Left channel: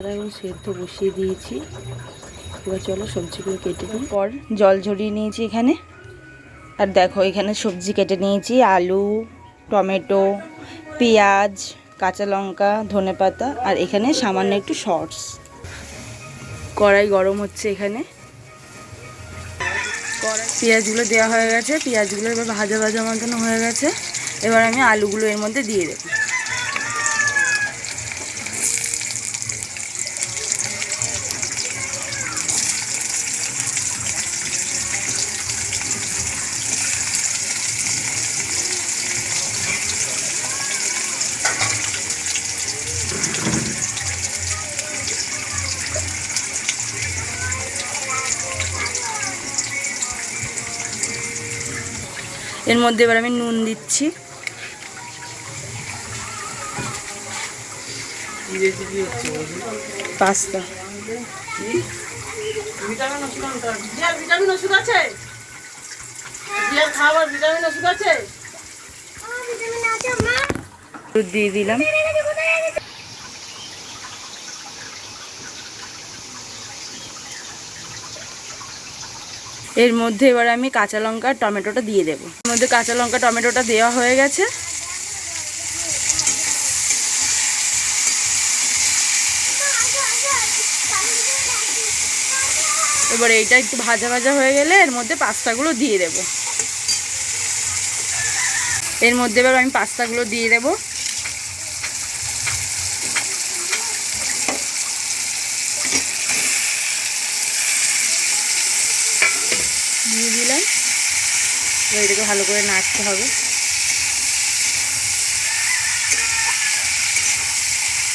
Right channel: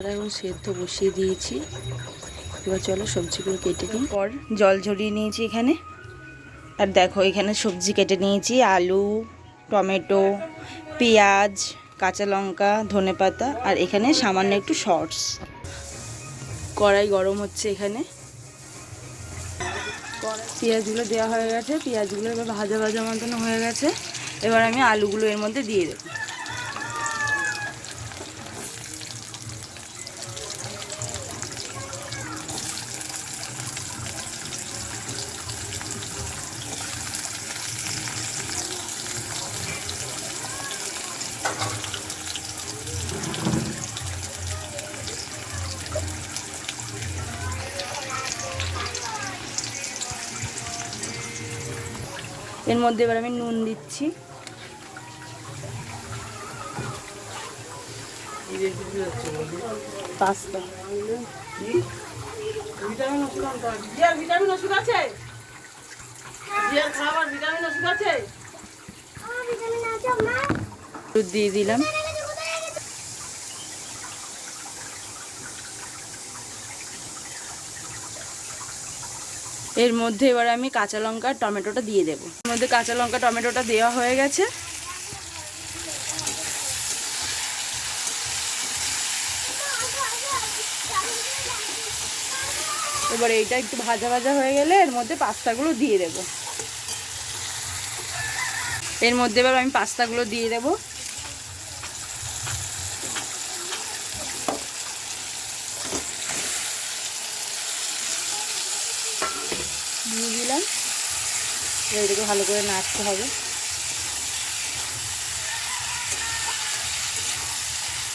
এখন সেদ্ধ বসিয়ে দিয়েছি। এবার চলো সবজিগুলো কেটে নিই। পর জল ঝরিয়ে নিয়েছি এখানে। আর দেখো এখানে সবজি কেটে নিয়েছি, আলু, টমেটো, পেঁয়াজ, কাঁচা লঙ্কা, ধনেপাতা, আর এখানে সামান্য একটু সস। কড়াই গরম হচ্ছে এখানে। পেঁয়াজগুলো দেওয়া হয়ে গেছে, পেঁয়াজগুলো এবার ভাজা ভাজা মতন হয়ে গেছে। এবার আমি আলুগুলো এর মধ্যে দিয়ে দেবো। এর মধ্যে এবার আমি নুন দিচ্ছি। পাস্তা দুধ দিয়ে দিলাম। এর মধ্যে এবার আমি কাঁচা লঙ্কা টমেটোটা দিয়ে দেবো। এর মধ্যে কাঁচা লঙ্কা টমেটোটা দেওয়া হয়ে গেছে। এবার এইটা একটু ভাজা ভাজা হয়ে গেলে এর মধ্যে পাস্তাগুলো দিয়ে দেব। এর মধ্যে এবার আমি পাস্তাগুলো দিয়ে দেব। দিয়ে দিলাম। এবার এটাকে ভালো করে নাড়তে হবে।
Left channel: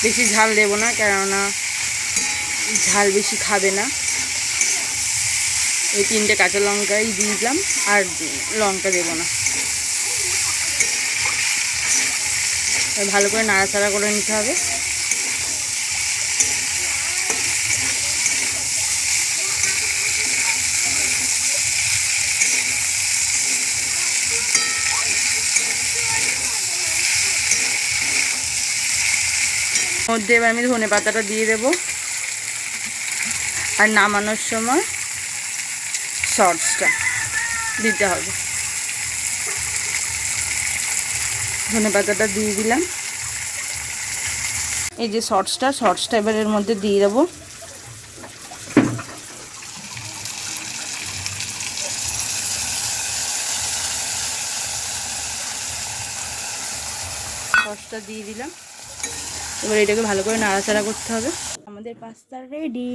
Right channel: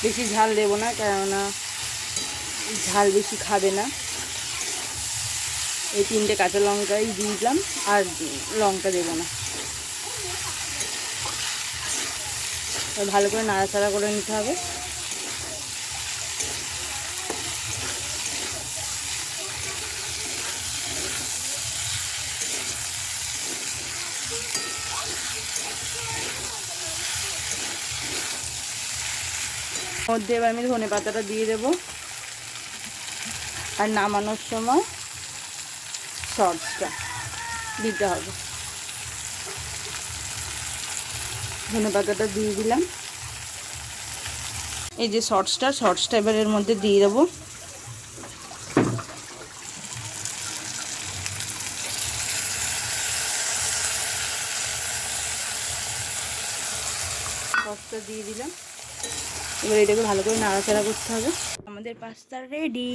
বেশি ঝাল দেবো না, কেননা ঝাল বেশি খাবে না। এই 3টে কাঁচা লঙ্কাই দিয়ে দিলাম, আর লঙ্কা দেবো না। ভালো করে নাড়াচাড়া করে নিতে হবে। মধ্যে এবার আমি ধনেপাতাটা দিয়ে দেবো। আর নামানোর সময় সসটা দিতে হবে। ধনেপাতাটা দিয়ে দিলাম। এই যে সসটা এবার এর মধ্যে দিয়ে দেবো। সসটা দিয়ে দিলাম। এবার এটাকে ভালো করে নাড়াচাড়া করতে হবে। আমাদের পাস্তা রেডি।